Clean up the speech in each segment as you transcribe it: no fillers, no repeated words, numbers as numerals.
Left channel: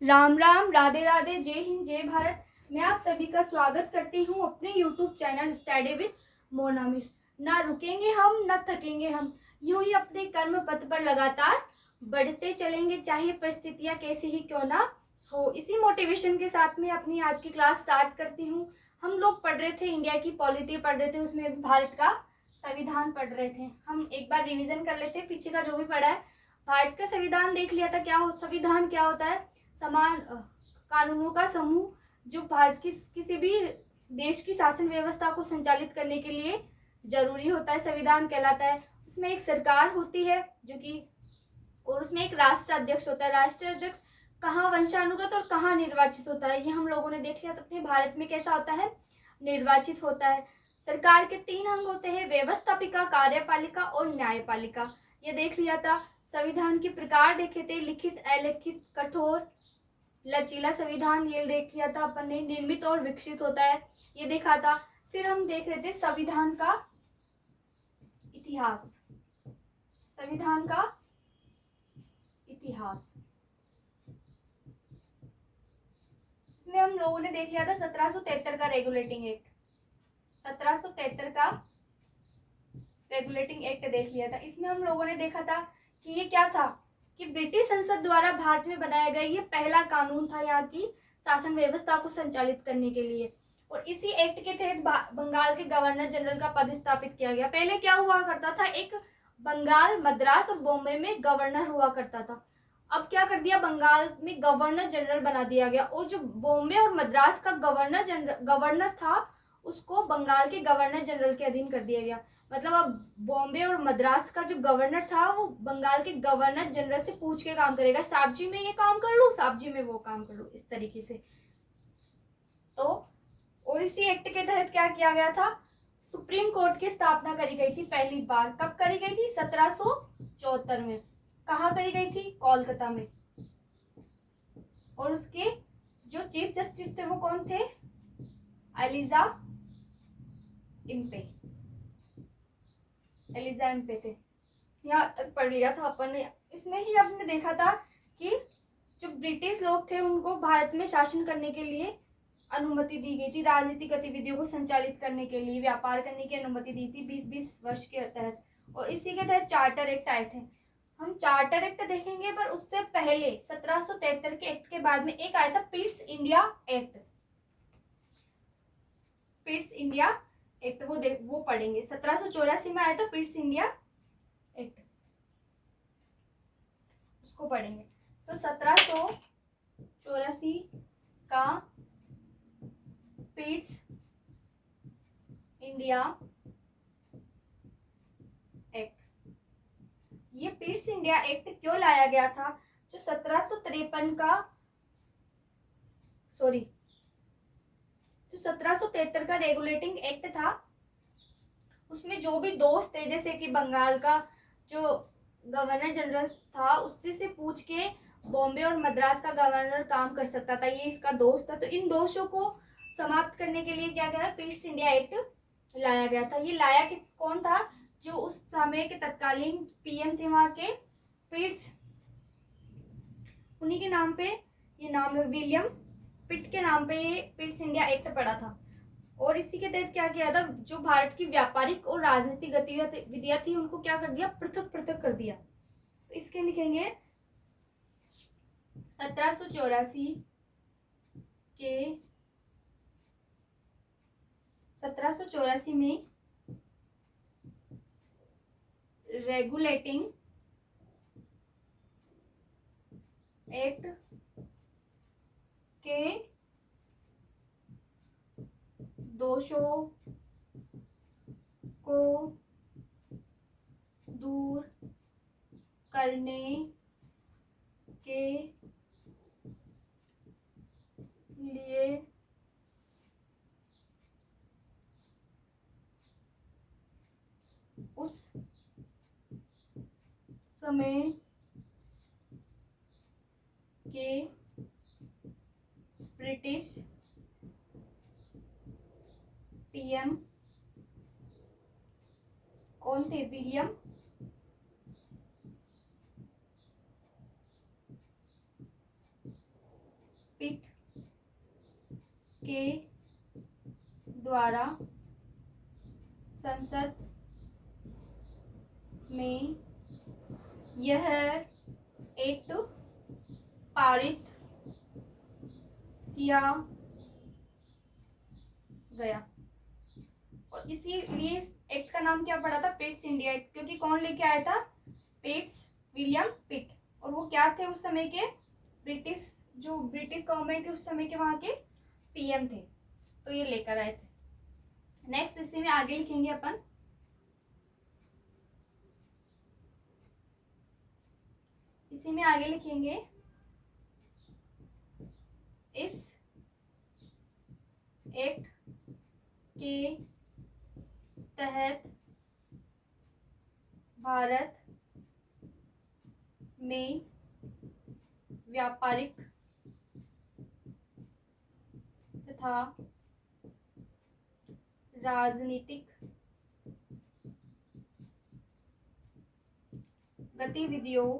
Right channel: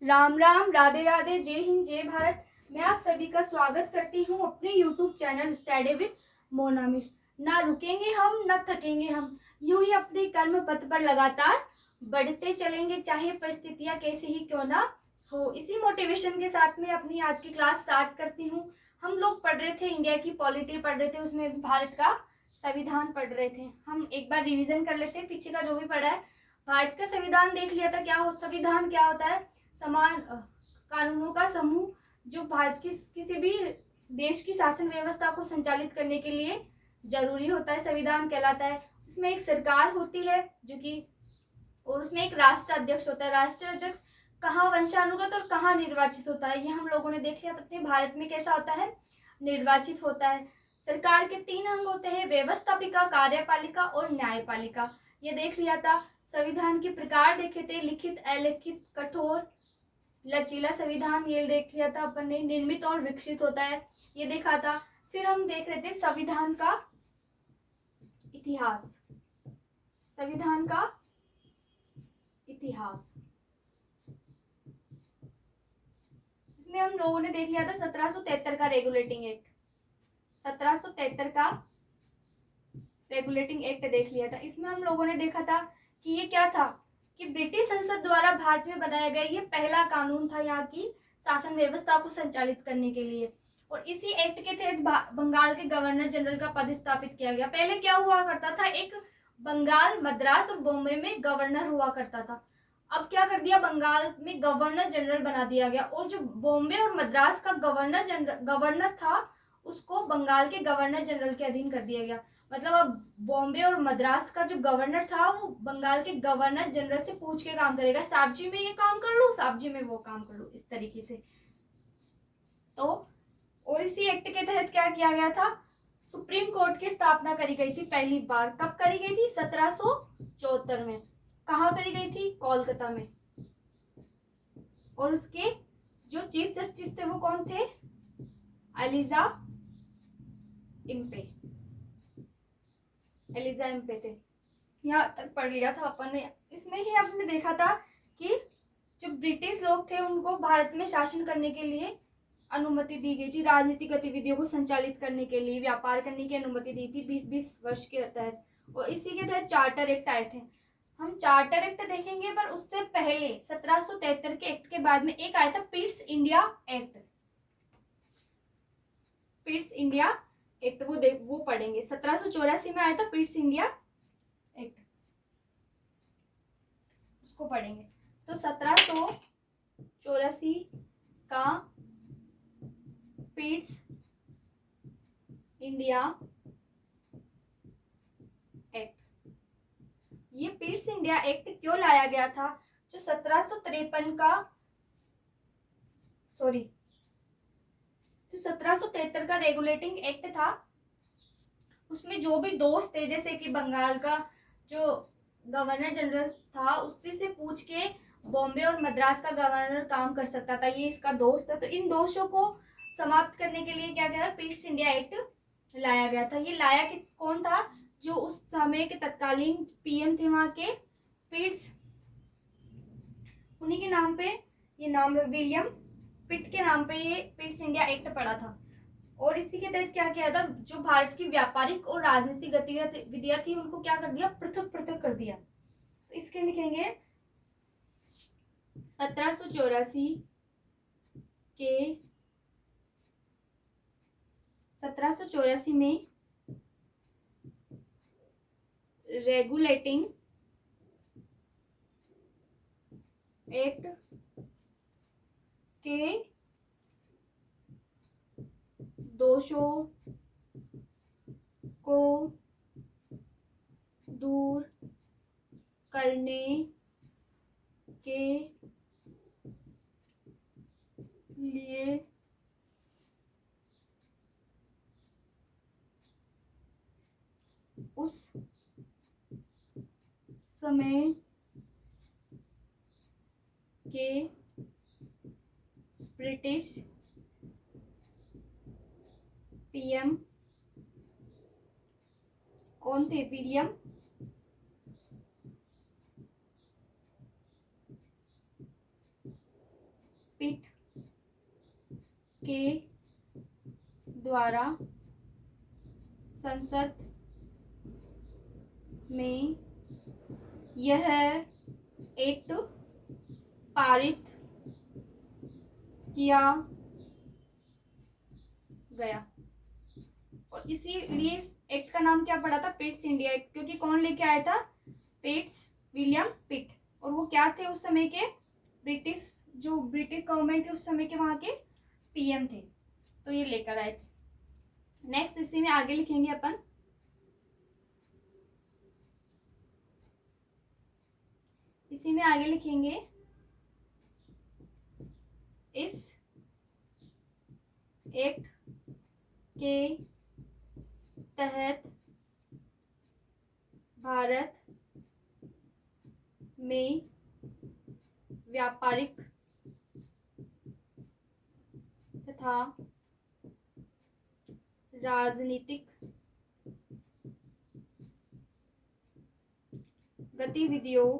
राम राम, राधे राधे, जय हिंद, जय भारत। मैं आप सभी का स्वागत करती हूँ अपने YouTube चैनल स्टडी विद मोनामिस। ना रुकेंगे हम, ना थकेंगे हम, यूं ही अपने कर्म पथ पर लगातार बढ़ते चलेंगे, चाहे परिस्थितियाँ कैसी ही क्यों ना हो। इसी मोटिवेशन के साथ में अपनी आज की क्लास स्टार्ट करती हूँ। हम लोग पढ़ रहे थे, इंडिया की पॉलिटी पढ़ रहे थे, उसमें भी भारत का संविधान पढ़ रहे थे। हम एक बार रिविजन कर लेते हैं पीछे का जो भी पढ़ा है। भारत का संविधान देख लिया था। संविधान क्या होता है? समान कानूनों का समूह जो भारत की किसी भी देश की शासन व्यवस्था को संचालित करने के लिए जरूरी होता है, संविधान कहलाता है। उसमें एक सरकार होती है जो कि, और उसमें एक राष्ट्राध्यक्ष होता है। राष्ट्राध्यक्ष कहाँ वंशानुगत और कहाँ निर्वाचित होता है, ये हम लोगों ने देख लिया। अपने भारत में कैसा होता है? निर्वाचित होता है। सरकार के 3 अंग होते हैं, व्यवस्थापिका, कार्यपालिका और न्यायपालिका। ये देख लिया था। संविधान के प्रकार देखे थे, लिखित, अलिखित, कठोर, लचीला संविधान, ये देख लिया था अपन ने। निर्मित और विकसित होता है, ये देखा था। फिर हम देख रहे थे संविधान का इतिहास। संविधान का इतिहास, इसमें हम लोगों ने देख लिया था 1773 का रेगुलेटिंग एक्ट। 1773 का रेगुलेटिंग एक्ट देख लिया था। इसमें हम लोगों ने देखा था कि ये क्या था, कि ब्रिटिश संसद द्वारा भारत में बनाया गया ये पहला कानून था यहाँ की शासन व्यवस्था को संचालित करने के लिए। और इसी एक्ट के तहत बंगाल के गवर्नर जनरल का पद स्थापित किया गया। पहले क्या हुआ करता था, एक बंगाल, मद्रास और बॉम्बे में गवर्नर हुआ करता था। अब क्या कर दिया, बंगाल में गवर्नर जनरल बना दिया गया, और जो बॉम्बे और मद्रास का गवर्नर था उसको बंगाल के गवर्नर जनरल के अधीन कर दिया गया। मतलब अब बॉम्बे और मद्रास का जो गवर्नर था वो बंगाल के गवर्नर जनरल से पूछ के काम करेगा, साहब जी में ये काम कर लो, साहब जी में वो काम कर लो, इस तरीके से। तो और इसी एक्ट के तहत क्या किया गया था, सुप्रीम कोर्ट की स्थापना करी गई थी पहली बार। कब करी गई थी? 1774 में। कहाँ करी गई थी? कोलकाता में। और उसके जो चीफ जस्टिस थे वो कौन थे? Elijah Impey. एलिजा इम्पे थे। यहाँ तक पढ़ लिया था अपन ने। इसमें ही आपने देखा था कि जो ब्रिटिश लोग थे उनको भारत में शासन करने के लिए अनुमति दी गई थी, राजनीतिक गतिविधियों को संचालित करने के लिए, व्यापार करने की अनुमति दी थी 20-20 वर्ष के तहत। और इसी के तहत चार्टर एक्ट आए थे। हम चार्टर एक्ट देखेंगे, पर उससे पहले 1773 के एक्ट के बाद में एक आया था Pitt's India act. Pitt's India act वो पढ़ेंगे। 1784 में आया था पिट्स इंडिया एक्ट, उसको पढ़ेंगे। तो 1784 का पिट्स इंडिया एक्ट, ये पिट्स इंडिया एक्ट क्यों लाया गया था? जो 1753 का सॉरी जो 1773 का रेगुलेटिंग एक्ट था, उसमें जो भी दोस्त थे, जैसे कि बंगाल का जो गवर्नर जनरल था उससे से पूछ के बॉम्बे और मद्रास का गवर्नर काम कर सकता था, ये इसका दोस्त है। तो इन दोषों को समाप्त करने के लिए क्या गया, पिट्स इंडिया एक्ट लाया गया था। ये लाया कि कौन था? जो उस समय के तत्कालीन पीएम थे वहां के, पिट्स, उन्हीं के नाम पे ये नाम है, विलियम पिट के नाम पे ये पिट्स इंडिया एक्ट पड़ा था। और इसी के तहत क्या किया था, जो भारत की व्यापारिक और राजनीतिक गतिविधियां थी उनको क्या कर दिया, पृथक पृथक कर दिया। तो इसके लिखेंगे 1784 के 1784 में रेगुलेटिंग एक्ट के दोषों को दूर करने के लिए उस समय के ब्रिटिश पीएम कौन थे? विलियम के द्वारा संसद में यह एक्ट पारित किया गया। और इसीलिए इस एक्ट का नाम क्या पड़ा था? पिट्स इंडिया एक्ट, क्योंकि कौन लेके आया था? पिट्स, विलियम पिट। और वो क्या थे उस समय के? ब्रिटिश गवर्नमेंट के उस समय के वहाँ के पीएम थे, तो ये लेकर आए थे। नेक्स्ट इसी में आगे लिखेंगे अपन, इसी में आगे लिखेंगे इस एक्ट के तहत भारत में व्यापारिक तथा राजनीतिक गतिविधियों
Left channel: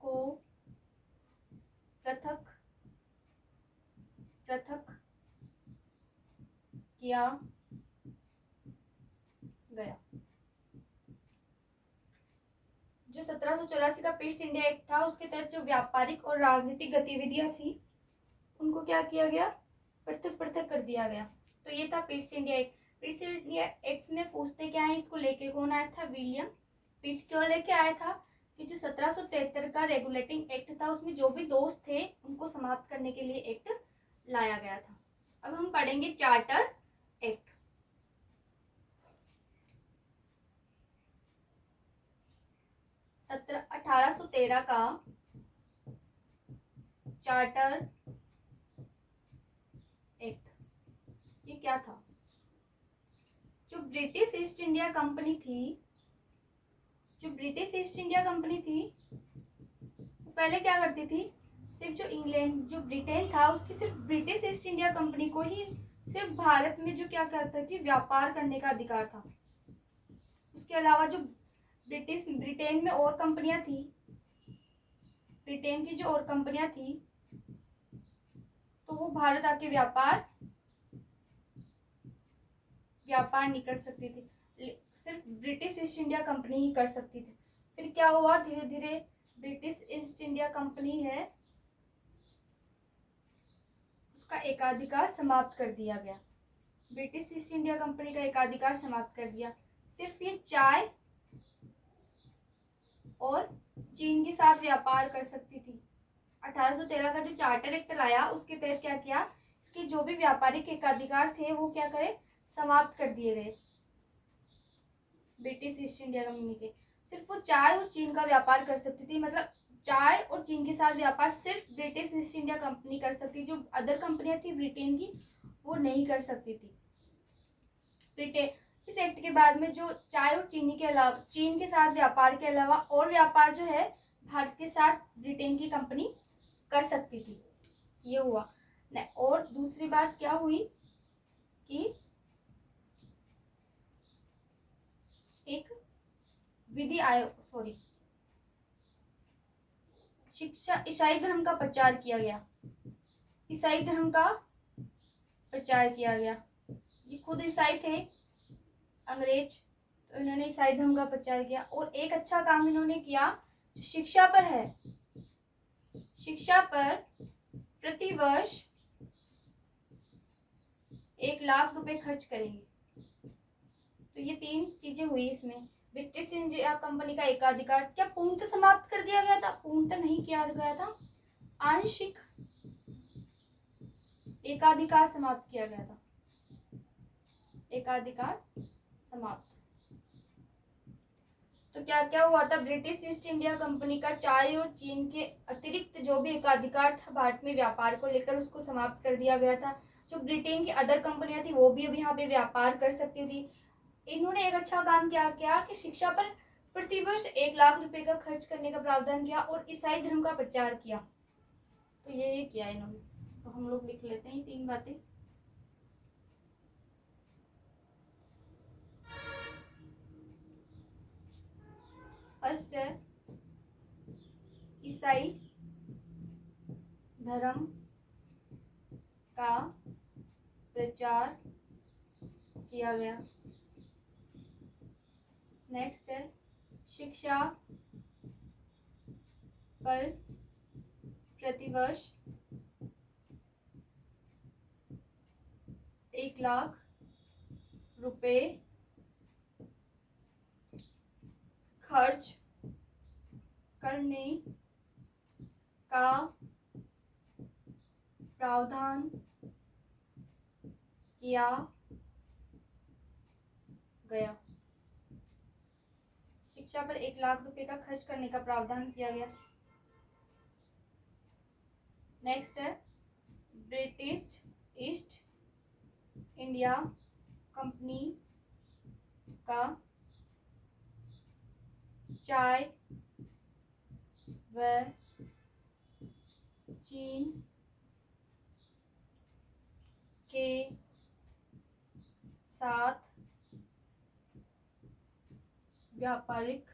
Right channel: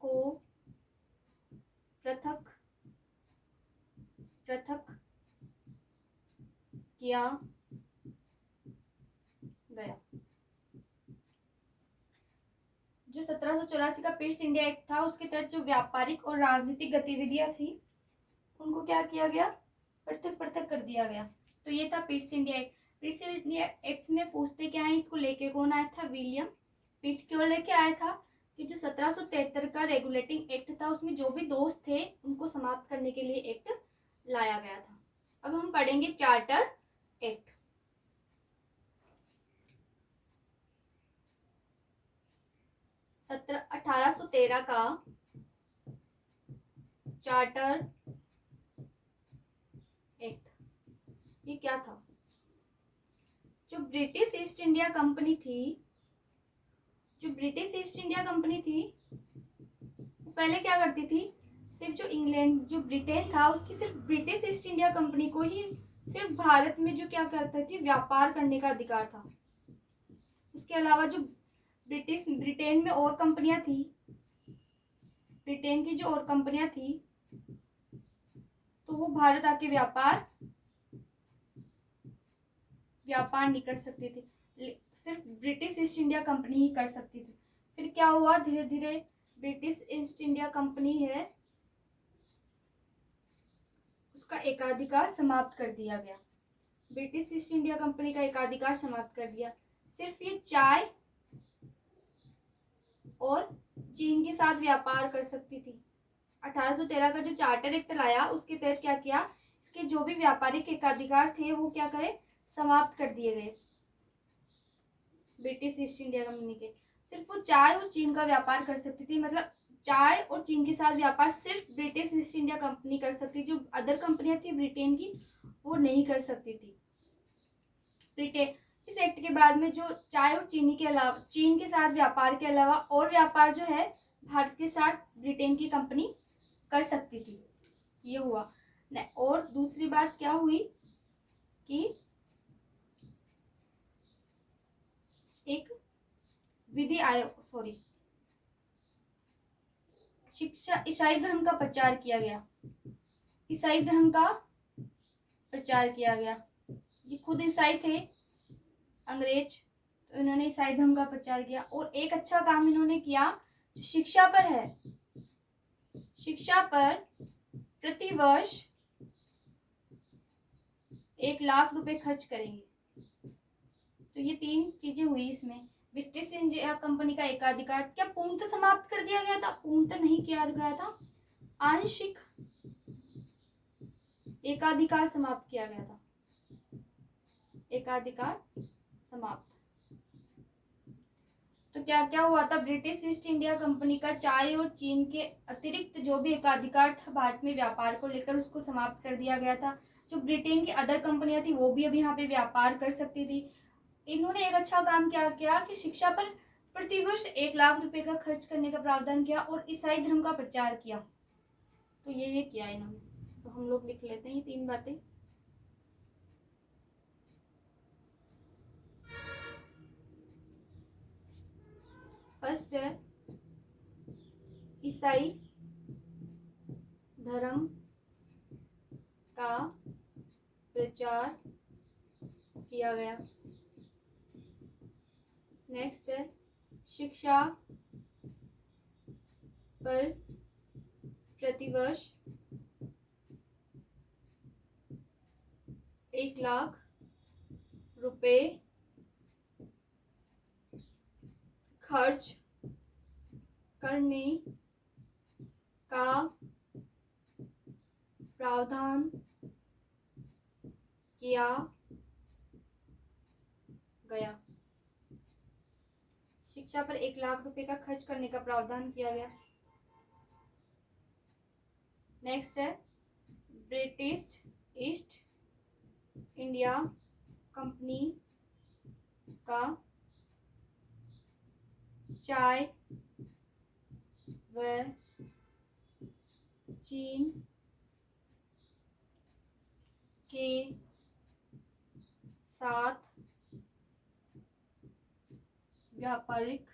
को पृथक किया गया। जो 1784 का पिट्स इंडिया एक्ट था, उसके तहत जो व्यापारिक और राजनीतिक गतिविधियां थी उनको क्या किया गया? पृथक कर दिया गया। तो ये था Pitt's India act. Pitt's India act में पूछते क्या है, इसको लेके कौन आया था? विलियम पिट। क्यों लेके आया था? कि जो 1773 का रेगुलेटिंग एक्ट था उसमें जो भी दोष थे उनको समाप्त करने के लिए एक्ट लाया गया था। अब हम पढ़ेंगे चार्टर एक्ट। सत्रह 1813 का चार्टर एक्ट, ये क्या था? जो ब्रिटिश ईस्ट इंडिया कंपनी थी, वो पहले क्या करती थी? सिर्फ जो इंग्लैंड, जो ब्रिटेन था, उसकी सिर्फ ब्रिटिश ईस्ट इंडिया कंपनी को ही सिर्फ भारत में जो क्या करती थी? व्यापार करने का अधिकार था। उसके अलावा जो ब्रिटेन में और कंपनियां थी, ब्रिटेन की जो और कंपनियां थी, तो वो भारत आके व्यापार नहीं कर सकती थी, सिर्फ ब्रिटिश ईस्ट इंडिया कंपनी ही कर सकती थी। फिर क्या हुआ? धीरे धीरे ब्रिटिश ईस्ट इंडिया कंपनी है उसका एकाधिकार समाप्त कर दिया गया। ब्रिटिश ईस्ट इंडिया कंपनी का एकाधिकार समाप्त कर दिया। सिर्फ ये चाय और चीन के साथ व्यापार कर सकती थी। 1813 का जो चार्टर एक्ट लाया उसके तहत क्या किया? इसके जो भी व्यापारिक एकाधिकार थे वो क्या करे? समाप्त कर दिए गए ब्रिटिश ईस्ट इंडिया कंपनी के। सिर्फ वो चाय और चीन का व्यापार कर सकती थी, मतलब चाय और चीन के साथ व्यापार सिर्फ ब्रिटिश ईस्ट इंडिया कंपनी कर सकती, जो अदर कंपनियां थी ब्रिटेन की वो नहीं कर सकती थी। ब्रिटेन इस एक्ट के बाद में जो चाय और चीनी के अलावा, चीन के साथ व्यापार के अलावा और व्यापार जो है भारत के साथ ब्रिटेन की कंपनी कर सकती थी। ये हुआ। और दूसरी बात क्या हुई कि एक विधि आयोग, शिक्षा, ईसाई धर्म का प्रचार किया गया। ईसाई धर्म का प्रचार किया गया। ये खुद ईसाई थे अंग्रेज, तो इन्होंने ईसाई धर्म का प्रचार किया। और एक अच्छा काम इन्होंने किया, शिक्षा पर है, शिक्षा पर प्रतिवर्ष 1 लाख रुपए खर्च करेंगे। तो ये 3 चीजें हुई इसमें। ब्रिटिश इंडिया कंपनी का एकाधिकार क्या पूर्णतः समाप्त कर दिया गया था? पूर्णतः नहीं किया गया था, आंशिक एकाधिकार समाप्त किया गया था। एकाधिकार समाप्त। तो क्या क्या हुआ था? ब्रिटिश ईस्ट इंडिया कंपनी का चाय और चीन के अतिरिक्त जो भी एकाधिकार था भारत में व्यापार को लेकर, उसको समाप्त कर दिया गया था। जो ब्रिटेन की अदर कंपनियां थी वो भी अब यहाँ पे व्यापार कर सकती थी। इन्होंने एक अच्छा काम क्या किया कि शिक्षा पर प्रतिवर्ष 1 लाख रुपए का खर्च करने का प्रावधान किया और ईसाई धर्म का प्रचार किया। तो ये किया इन्होंने। तो हम लोग लिख लेते हैं 3 बातें। फर्स्ट है ईसाई धर्म का प्रचार किया गया। नेक्स्ट है शिक्षा पर प्रतिवर्ष 1,00,000 रुपए खर्च करने का प्रावधान किया गया। शिक्षा पर 1,00,000 रुपए का खर्च करने का प्रावधान किया गया। नेक्स्ट है ब्रिटिश ईस्ट इंडिया कंपनी का चाय व चीन के साथ व्यापारिक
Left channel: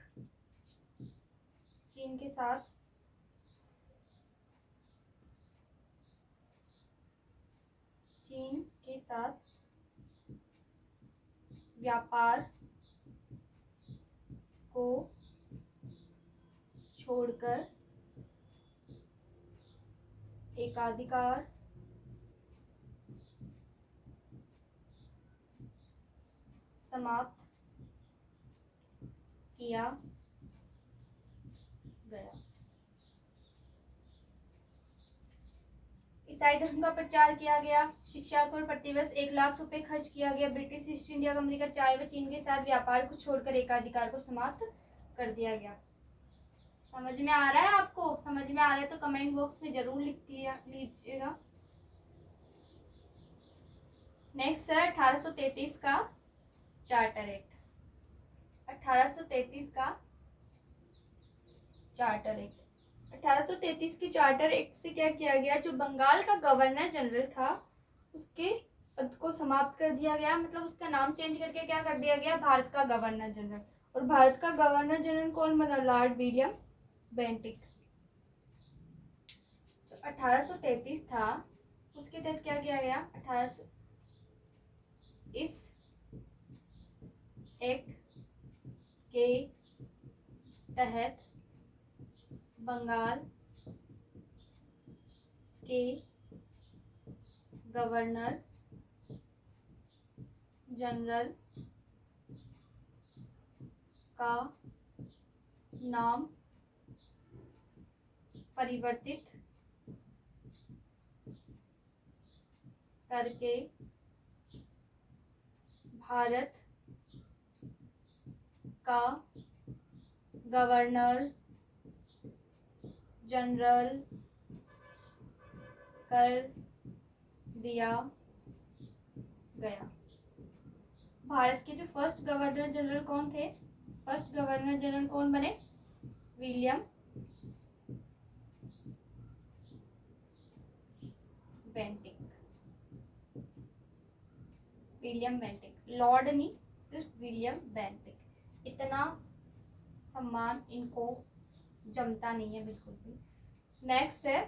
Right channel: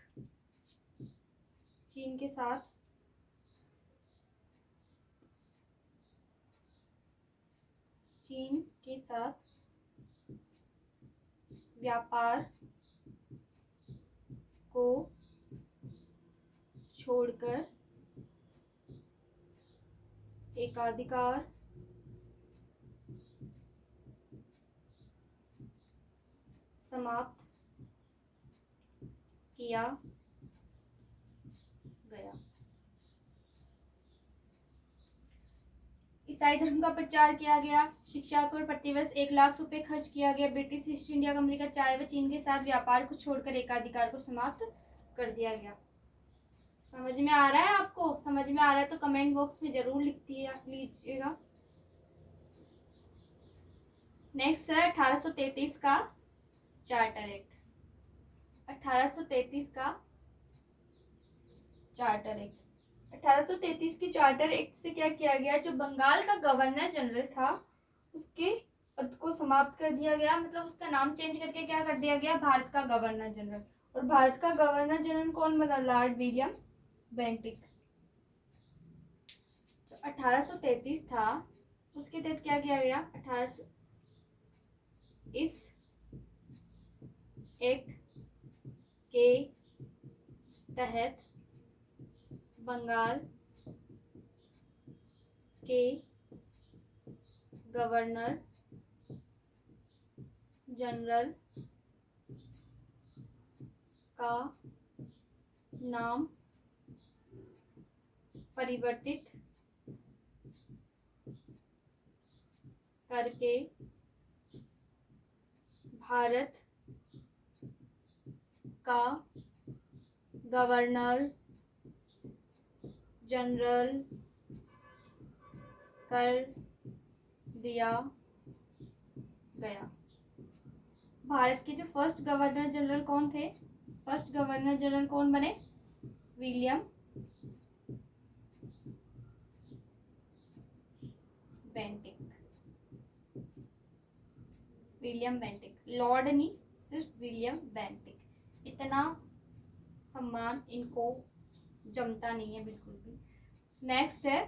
व्यापार को छोड़कर एकाधिकार समाप्त किया गया। ईसाई धर्म का प्रचार किया गया। शिक्षा पर प्रतिवर्ष 1,00,000 रुपए खर्च किया गया। ब्रिटिश ईस्ट इंडिया कंपनी का चाय व चीन के साथ व्यापार को छोड़कर एकाधिकार को समाप्त कर दिया गया। समझ में आ रहा है आपको? समझ में आ रहा है तो कमेंट बॉक्स में जरूर लिख लीजिएगा। नेक्स्ट है 1833 का चार्टर एक्ट। 1833 का चार्टर एक्ट। 1833 की चार्टर एक्ट से क्या किया गया, जो बंगाल का गवर्नर जनरल था उसके पद को समाप्त कर दिया गया। मतलब उसका नाम चेंज करके क्या कर दिया गया, भारत का गवर्नर जनरल। और भारत का गवर्नर जनरल कौन बना, लॉर्ड विलियम बेंटिक। तो 1833 था, उसके तहत क्या किया गया, 1800 इस एक्ट के तहत बंगाल के गवर्नर जनरल का नाम परिवर्तित करके भारत का गवर्नर जनरल कर दिया गया। भारत के जो फर्स्ट गवर्नर जनरल कौन थे, फर्स्ट गवर्नर जनरल कौन बने, William Bentinck. William Bentinck, Lord नहीं, सिर्फ विलियम बेंटिक। इतना सम्मान इनको जमता नहीं है बिल्कुल भी। नेक्स्ट है,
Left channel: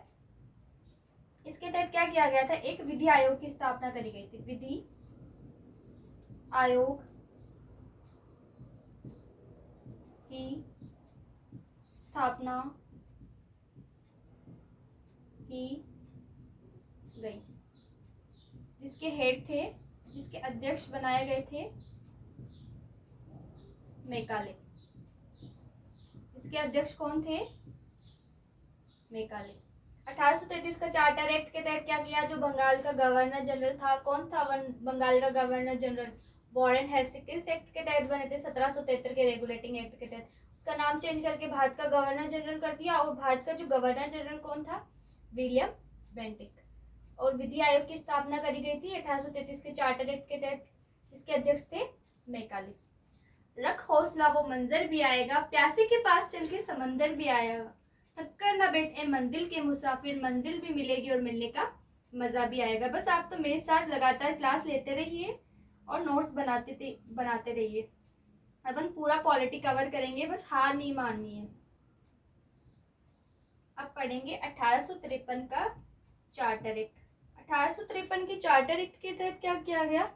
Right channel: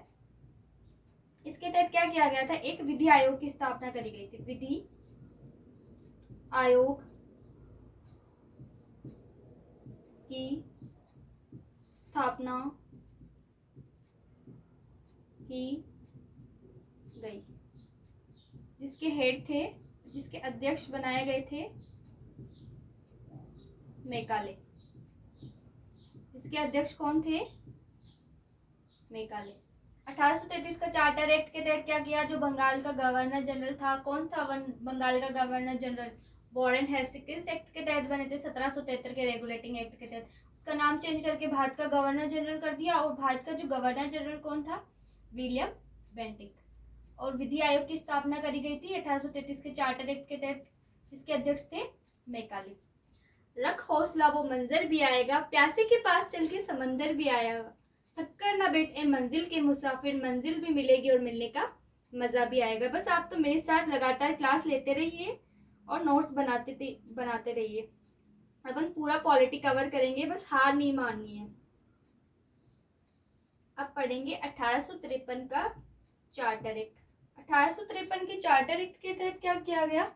इसके तहत क्या किया गया था, एक विधि आयोग की स्थापना करी गई थी। विधि आयोग की स्थापना की गई, जिसके हेड थे, जिसके अध्यक्ष बनाए गए थे मैकाले। इसके अध्यक्ष कौन थे, मैकाले। 1833 का चार्टर एक्ट के तहत क्या किया, जो बंगाल का गवर्नर जनरल था, कौन था बंगाल का governor general, Warren Hastings act के तहत बने थे, 1773 के रेगुलेटिंग एक्ट के तहत। उसका नाम चेंज करके भारत का गवर्नर जनरल कर दिया। और भारत का जो गवर्नर जनरल कौन था, विलियम बेंटिक। और विधि आयोग की स्थापना करी गई थी 1833 के चार्टर एक्ट के तहत, जिसके अध्यक्ष थे मैकाले। रख हौसला वो मंजर भी आएगा, प्यासे के पास चल के समंदर भी आएगा, थक्कर ना बैठ ए मंजिल के मुसाफिर, मंजिल भी मिलेगी और मिलने का मजा भी आएगा। बस आप तो मेरे साथ लगातार क्लास लेते रहिए और नोट्स बनाते रहिए। अपन पूरा पॉलिटी कवर करेंगे, बस हार नहीं माननी है। अब पढ़ेंगे 1853 का चार्टर एक्ट। 1853 के चार्टर एक्ट के तहत क्या किया गया,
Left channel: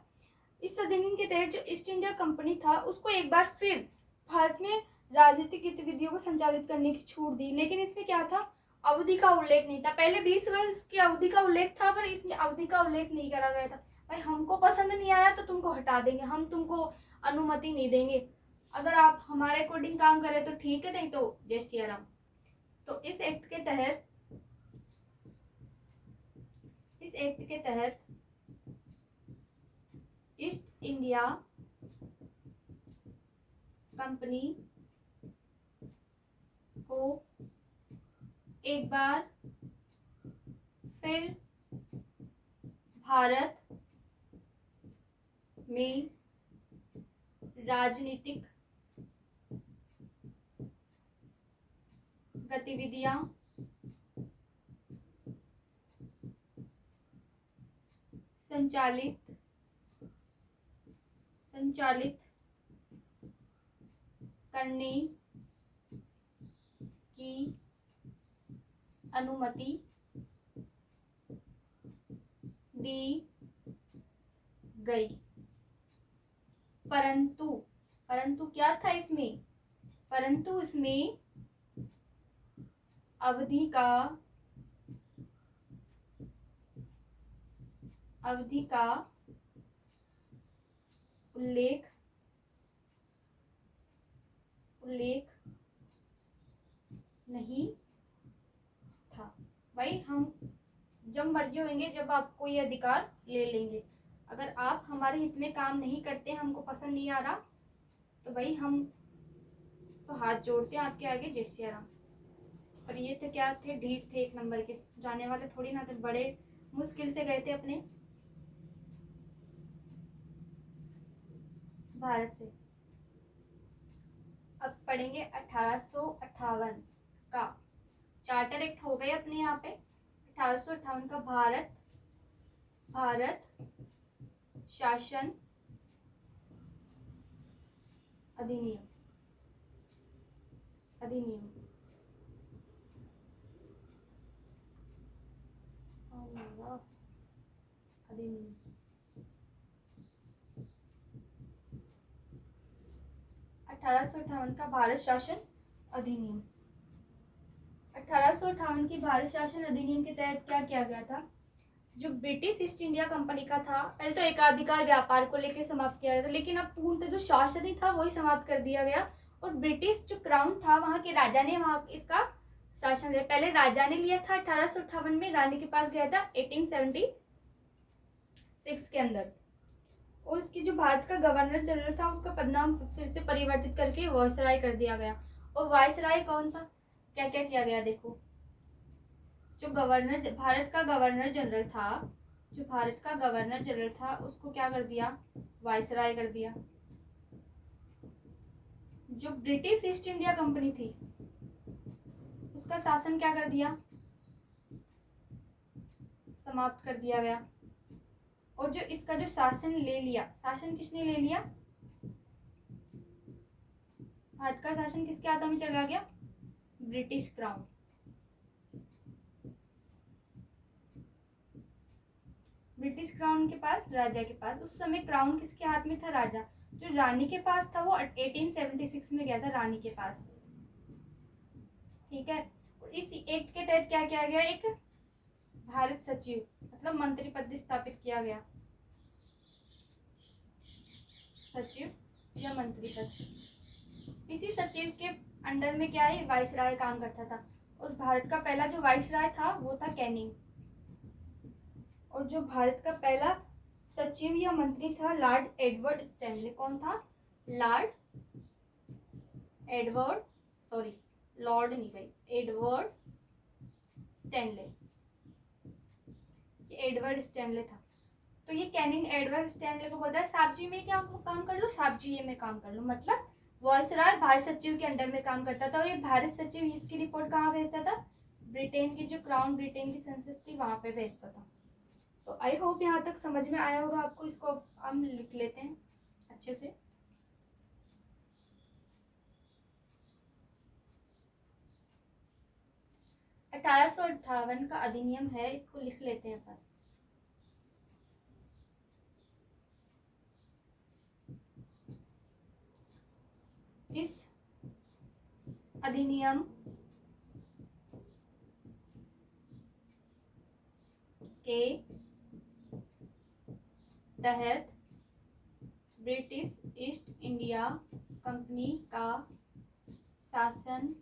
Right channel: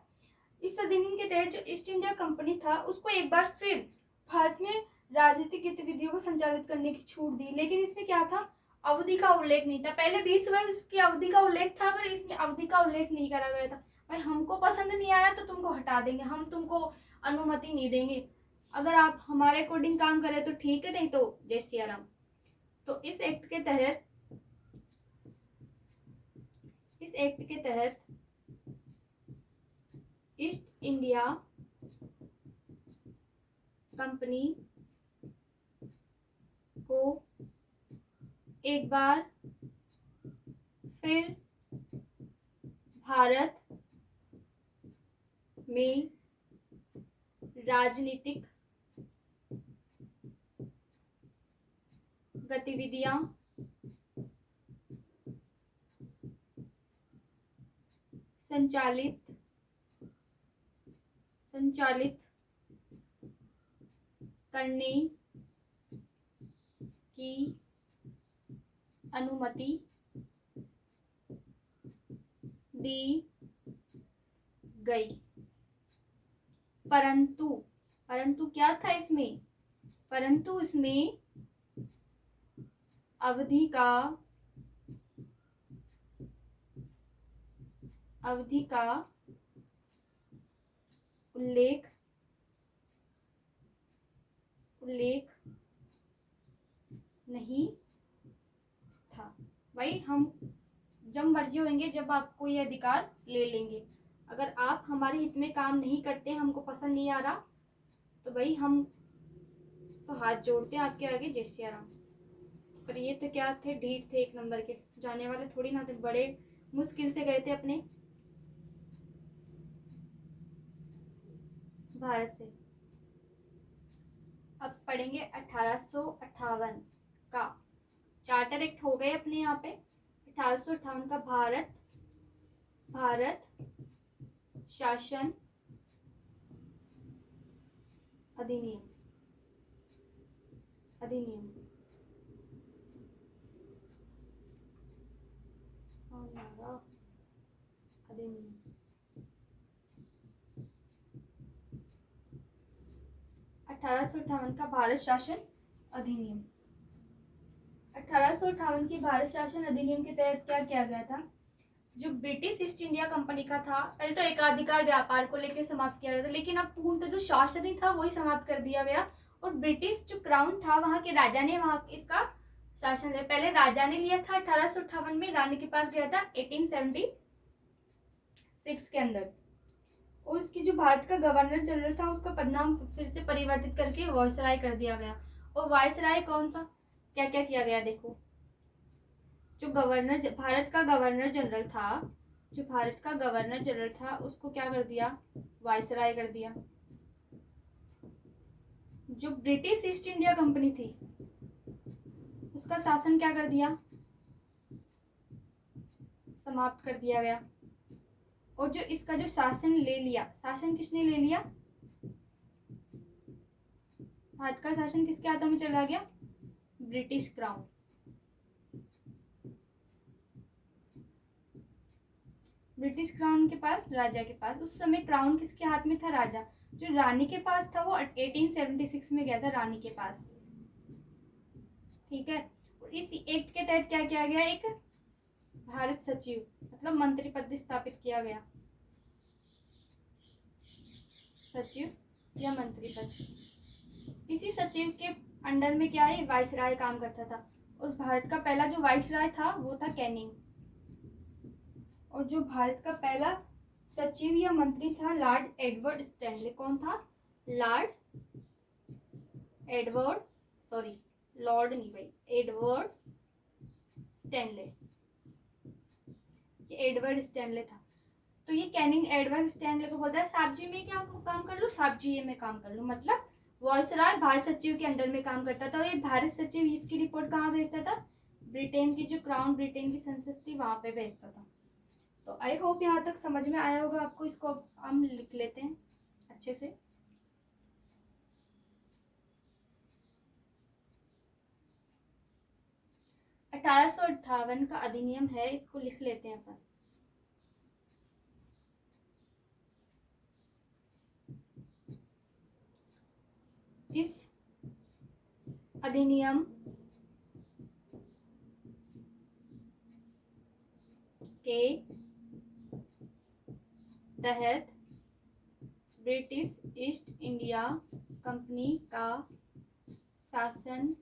इस अधिनियम के तहत जो ईस्ट इंडिया कंपनी था उसको एक बार फिर भारत में राजनीतिक गतिविधियों को संचालित करने की छूट दी, लेकिन इसमें क्या था, अवधि का उल्लेख नहीं था। पहले 20 वर्ष की अवधि का उल्लेख था, पर इसमें अवधि का उल्लेख नहीं करा गया था। भाई हमको पसंद नहीं आया तो तुमको हटा देंगे, हम तुमको अनुमति नहीं देंगे। अगर आप हमारे अकॉर्डिंग काम करें तो ठीक है, नहीं तो जय सिया राम। तो इस एक्ट के तहत ईस्ट इंडिया कंपनी को एक बार फिर भारत में राजनीतिक गतिविधियां संचालित करने की अनुमति दी गई। परंतु क्या था इसमें, परंतु इसमें अवधि का उल्लेख नहीं था। भाई हम जब मर्जी होंगे, जब आपको ये अधिकार ले लेंगे। अगर आप हमारे हित में काम नहीं करते, हमको पसंद नहीं आ रहा, तो भाई हम तो हाथ जोड़ते हैं आपके आगे, जय सिया राम। पर ये तो क्या थे, ढीठ थे एक नंबर के, जाने वाले थोड़ी ना थे, बड़े मुश्किल से गए थे अपने भारत से। अब पढ़ेंगे 1858 का चार्टर एक्ट हो गए अपने यहाँ पे। 1858 का भारत शासन अधिनियम अधिनियम 1858 का भारत शासन अधिनियम। 1858 की भारत शासन अधिनियम के तहत क्या किया गया था, जो ब्रिटिश ईस्ट इंडिया कंपनी का था, पहले तो एकाधिकार व्यापार को लेकर समाप्त किया गया था, लेकिन अब पूर्णतः जो शासन ही था वही समाप्त कर दिया गया। और ब्रिटिश जो क्राउन था, वहां के राजा ने वहां इसका शासन लिया। पहले राजा ने लिया था 1858 में, रानी के पास गया था 1876 के अंदर। और उसकी जो भारत का गवर्नर जनरल था, उसका पदनाम फिर से परिवर्तित करके वायसराय कर दिया गया। और वायसराय कौन था, क्या क्या किया गया, देखो। जो भारत का गवर्नर जनरल था, उसको क्या कर दिया, वायसराय कर दिया। जो ब्रिटिश ईस्ट इंडिया कंपनी थी, उसका शासन क्या कर दिया, समाप्त कर दिया गया। और जो इसका जो शासन ले लिया, शासन किसने ले लिया, भारत का शासन किसके हाथों में चला गया, ब्रिटिश क्राउन। ब्रिटिश क्राउन के पास, राजा के पास। उस समय क्राउन किसके हाथ में था, राजा। जो रानी के पास था वो 1876 में गया था, रानी के पास, ठीक है। और इस एक्ट के तहत क्या किया गया, एक भारत सचिव मतलब मंत्री पद स्थापित किया गया, सचिव या मंत्री पद। इसी सचिव के अंडर में क्या है, वाइसराय काम करता था। और भारत का पहला जो वाइसराय था वो था कैनिंग। और जो भारत का पहला सचिव या मंत्री था, लॉर्ड एडवर्ड स्टैनले। कौन था, लॉर्ड एडवर्ड स्टैनले। ये एडवर्ड स्टैनले था। तो ये कैनिंग एडवर्ड स्टैनले को बोलता है, साहब जी मैं क्या काम कर लूँ, साहब जी ये मैं काम कर लूँ। मतलब वायसराय भारत सचिव के अंडर में काम करता था। और ये भारत सचिव इसकी रिपोर्ट कहाँ भेजता था, ब्रिटेन की जो क्राउन, ब्रिटेन की संसद थी, वहां पे भेजता था। तो आई होप यहाँ तक समझ में आया होगा आपको। इसको हम लिख लेते हैं अच्छे से। 1858 का अधिनियम है, इसको लिख लेते हैं अपन। इस अधिनियम के तहत ब्रिटिश ईस्ट इंडिया कंपनी का शासन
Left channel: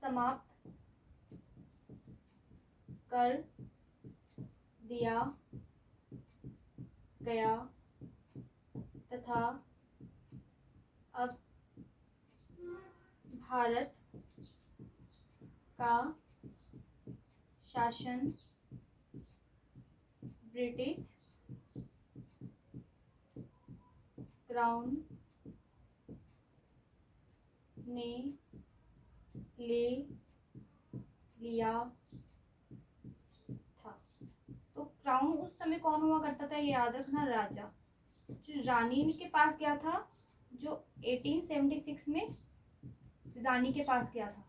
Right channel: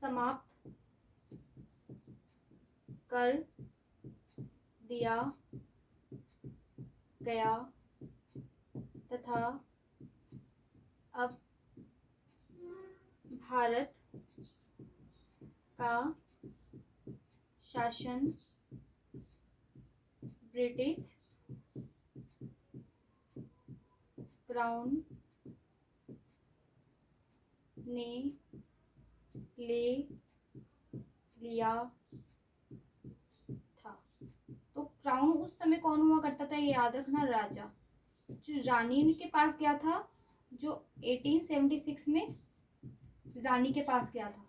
समाप्त कर दिया गया तथा अब भारत का शासन ब्रिटिश क्राउन ने ले लिया था। तो क्राउन उस समय कौन हुआ करता था, ये याद रखना, राजा। जो रानी के पास गया था, जो 1876 में रानी के पास गया था।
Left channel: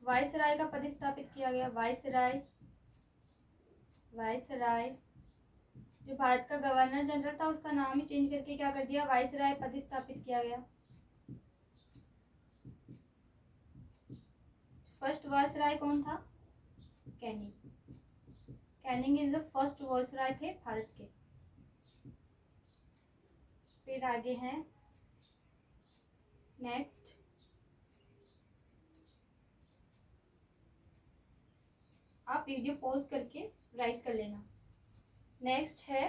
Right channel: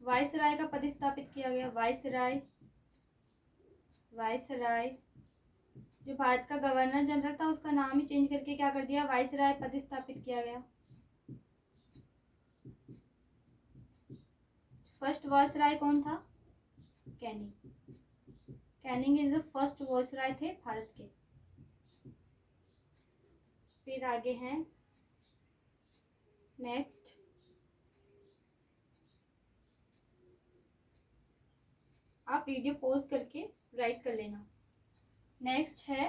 वायसराय का पद स्थापित किया गया। वायसराय जो भारत का गवर्नर जनरल था, उसका नाम ही चेंज करके क्या कर दिया, वायसराय पद स्थापित किया गया। फर्स्ट वायसराय कौन था, Canning is the first viceroy थे भारत के। फिर आगे हैं नेक्स्ट, आप वीडियो पॉज करके राइट कर लेना। नेक्स्ट है,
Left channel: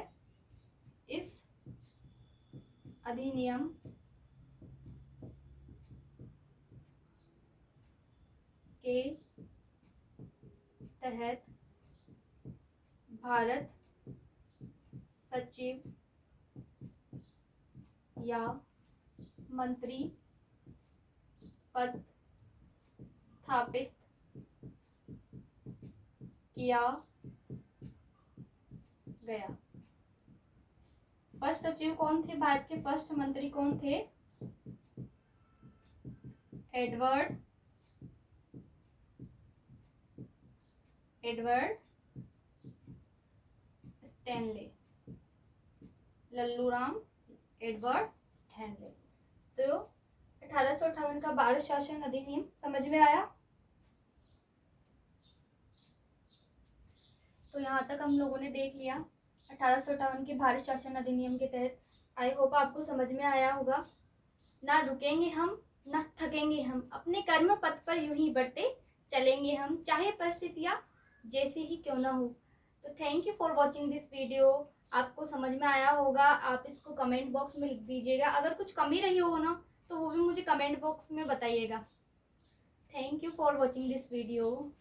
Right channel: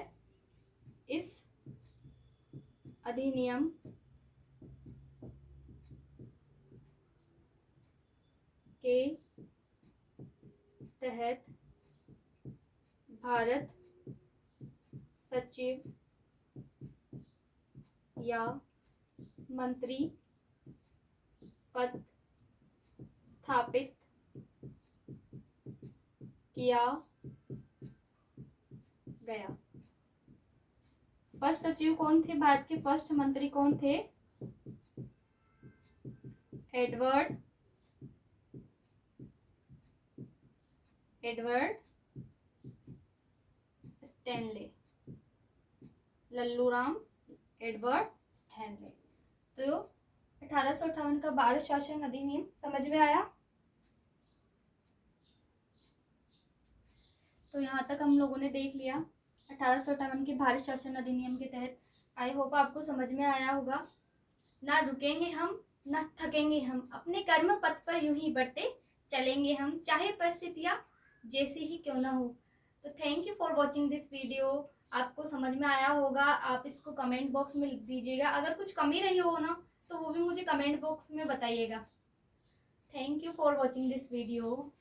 इस अधिनियम के तहत भारत सचिव या मंत्री पद स्थापित किया गया। फर्स्ट सचिव कौन थे भारत के, फर्स्ट मंत्री कौन थे, Edward Stanley, Lalluram Edward Stanley. तो 1858 का भारत शासन अधिनियम समझ में आया। तो यहाँ तक हम लोगों ने देख लिया 1858 के भारत शासन अधिनियम के तहत। आई होप आपको समझ में आया होगा। ना रुकेंगे हम, ना थकेंगे हम, अपने कर्म पथ पर यूं ही बढ़ते चलेंगे हम, चाहे परिस्थितियाँ जैसी ही क्यों ना हो। तो thank you for watching this video. आपको समझ में आया होगा, आप इसको कमेंट बॉक्स में लिख दीजिएगा। अगर कुछ कमी रही हो ना, तो वो भी मुझे कमेंट बॉक्स में बताइएगा। Thank you for watching this video.